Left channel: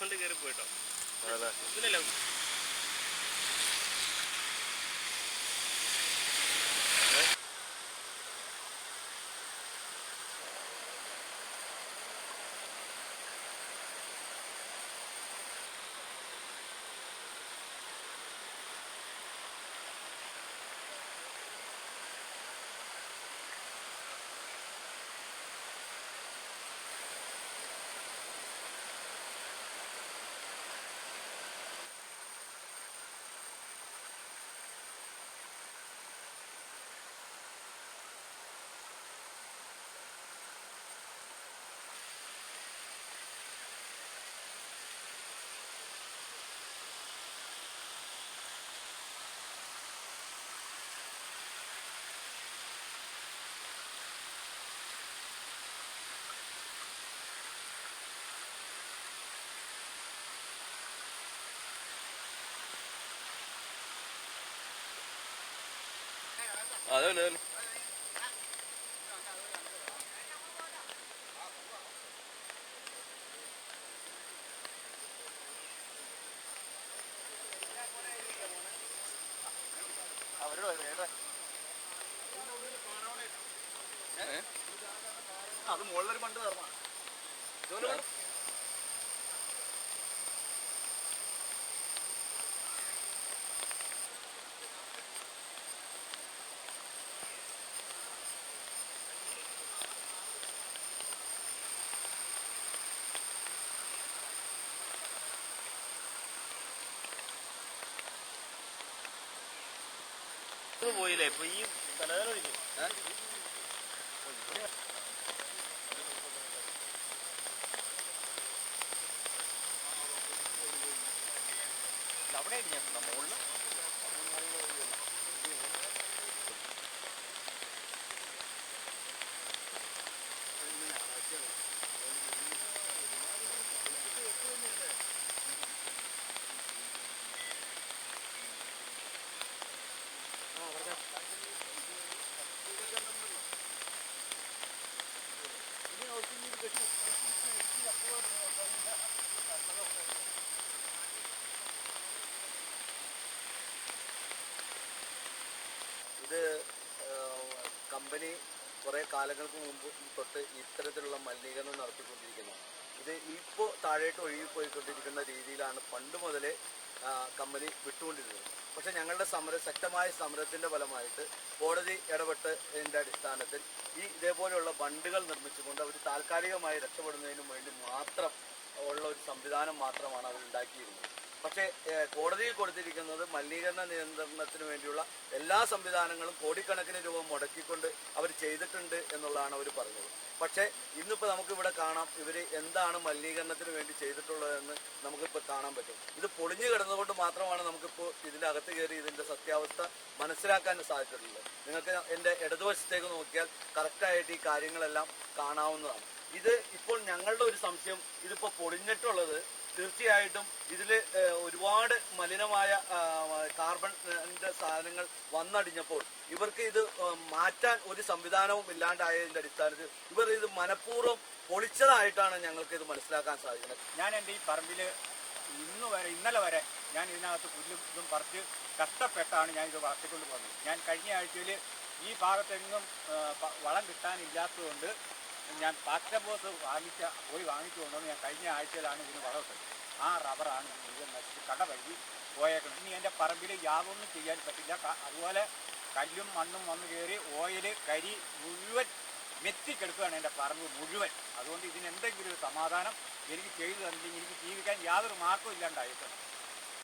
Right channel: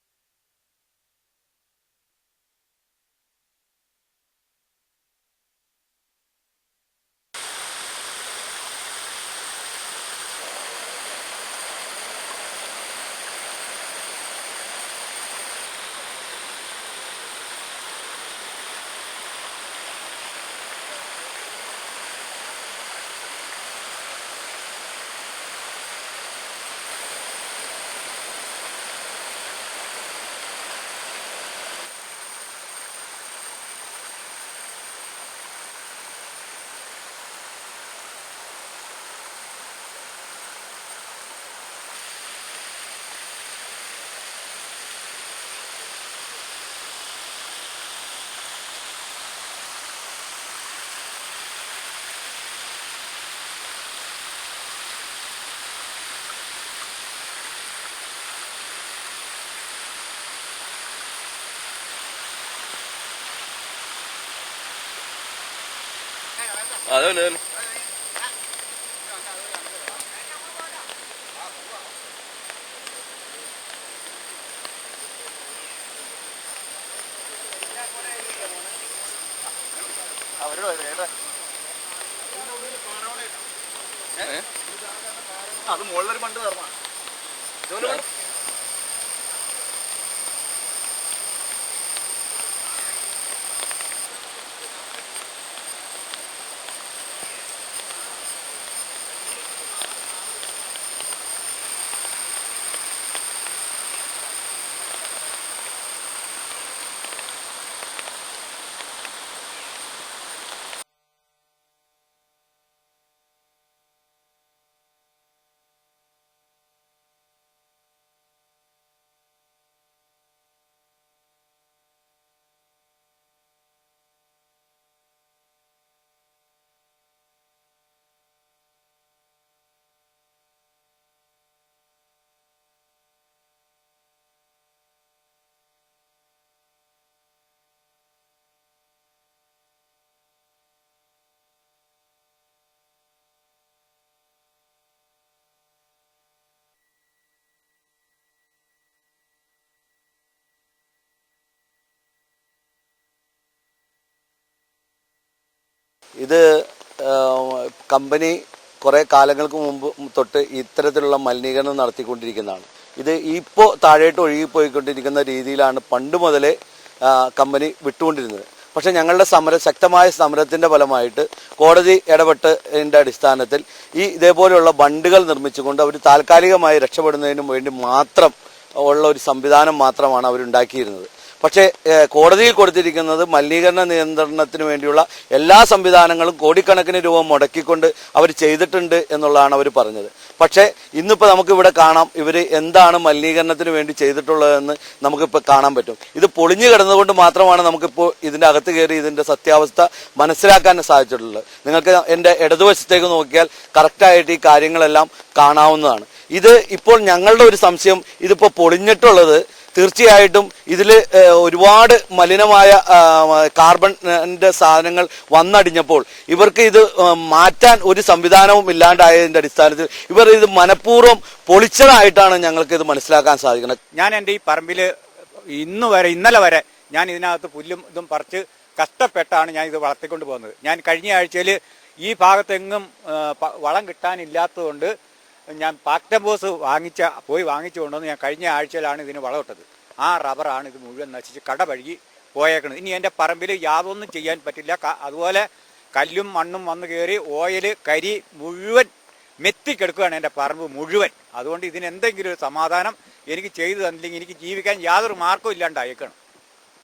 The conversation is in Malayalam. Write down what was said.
കൊണ്ട് കയറി പോയിട്ടോ. അതല്ലേ അത് മുകളിലൊരു പണ്ട് തീർന്ന പോയില്ലേ ഇപ്പൊ ഈ തലവേദന ഒഴിക്കും. അവിടെ മുകളിൽ ഇത് കമ്പനി കുറേ കാലങ്ങൾക്ക് മുമ്പ് തൊട്ട് ഇത്തരത്തിലുള്ള മലിനീകരണം നടത്തിക്കൊണ്ടിരിക്കുന്നതാണ്. ഇത് ഇപ്പോൾ താഴോട്ട് ഒഴുകിപ്പോയിക്കൊണ്ടിരിക്കുന്ന രീതിയിലാണ് പണ്ട് മുതലേ കമ്പനി വിട്ടുകൊണ്ടിരുന്നത്. പക്ഷേ ഞങ്ങളുടെ ശക്തമായ സമരത്തിൻ്റെ ഫലമായിട്ട് കോടതി ഇടപെട്ടതിൻ്റെ അടിസ്ഥാനത്തിൽ ഇതേപോലെയുള്ള ബണ്ടുകൾ നിർമ്മിച്ചുകൊണ്ട് അവർ താൽക്കാലികമായി രക്ഷപ്പെടുന്നതിനും വേണ്ടി മാത്രം ഉള്ള ഒരു സംവിധാനം മാത്രമാണ് അവരുണ്ടാക്കിയിരുന്നത്. പക്ഷേ കോടതിയിൽ കൊടുത്തിരിക്കുന്നത് മലിനീകരണ നിയന്ത്രണത്തിന് വേണ്ടിയുള്ള എല്ലാ സംവിധാനങ്ങളും കോടിക്കണക്കിന് രൂപ മുടക്കിക്കൊണ്ട് അവർ ചെയ്തിട്ടുണ്ട് എന്നുള്ളതാണ് അവർ പറഞ്ഞത്. പക്ഷേ ഇന്നിപ്പോൾ നമുക്കിവിടെ കാണാം ഇവർ എന്താണ് മലിനീകരണത്തിന് വേണ്ടി ചെയ്തിട്ടുള്ളതെന്ന് നമുക്കിപ്പോൾ കാണാൻ പറ്റും. ഇത് പൊളിഞ്ഞു കിടന്നുകൊണ്ട് മാത്രമാണ് നമുക്കിപ്പോൾ ഇതിൻ്റെ അകത്ത് കയറി ഇതിൻ്റെ സത്യാവസ്ഥ മനസ്സിലാക്കാൻ സാധിച്ചിട്ടുള്ളത്. നിങ്ങൾക്ക് എൻ്റെ ഇടതുവശത്തേക്ക് നോക്കിയാൽ കറക്റ്റായിട്ട് ഈ കാര്യങ്ങളെല്ലാം കാണാവുന്നതാണ്. ഇത് ഇപ്പോൾ ഞങ്ങളുടെ ഒരു സംശയം, ഇതിപ്പോൾ പൊളിഞ്ഞിട്ടുള്ളത് തീർച്ചയായിട്ടും ഇതിൽ ഒരുപാട് മലിനമായ കാർബണിൻ്റെ സാധനങ്ങൾ വന്നടിഞ്ഞപ്പോൾ ഇവർക്ക് ഇത് മാറ്റാൻ ഒരു സംവിധാനവും ഇല്ലാണ്ടായതിൻ്റെ അടിസ്ഥാനത്തിൽ ഇവർ ഇത് മനഃപൂർവ്വം പൊളിച്ചതായിട്ടാണ് ഞങ്ങൾക്ക് ഇത് മനസ്സിലാക്കാൻ സാധിക്കുന്നത്. ഞാൻ എൻ്റെ ഈ പറമ്പിൽ ഇന്നലെ വരെ ഞാൻ ഇതിനകത്ത് പുല്ലും ഇതും പറിച്ച് കഷ്ടപ്പെട്ടാണ് ഞാൻ ഇത് വളർത്തിക്കൊണ്ട് പോകുന്നത്. ഞാൻ കഴിഞ്ഞ ആഴ്ചയിൽ ഈ ഭാഗത്തെങ്ങും വളം കിട്ടാനില്ലാത്തതുകൊണ്ട് ഞാൻ പാക്ടംബോസ് പോയി വാങ്ങിച്ചു കൊണ്ടുവന്ന് ഞാൻ കഴിഞ്ഞ ആഴ്ചയിലാണ് ഇതിന് വളമിട്ടത്. ആ റബ്ബറാണ് ഇത് മുഴുവൻ നശിച്ച് കടപഴുകി പോയേക്കുന്നത്. ഇനി എൻ്റെ പറമ്പിൽ യാതൊന്നും ചെയ്യാൻ പറ്റില്ല. അതുപോലെ കല്ലും മണ്ണും വന്ന് കയറി ഓയിൽ കരി മുഴുവൻ മെത്തിക്കെടുക്കുകയാണ് എൻ്റെ പറമ്പ് മുഴുവൻ. അതുകൊണ്ട് ഇതിനെന്തെങ്കിലും ഒരു സമാധാനം എനിക്ക് ചെയ്തു തന്നില്ലെങ്കിൽ എനിക്ക് ജീവിക്കാൻ യാതൊരു മാർഗ്ഗവും ഇല്ലാണ്ടായേക്കാണ്.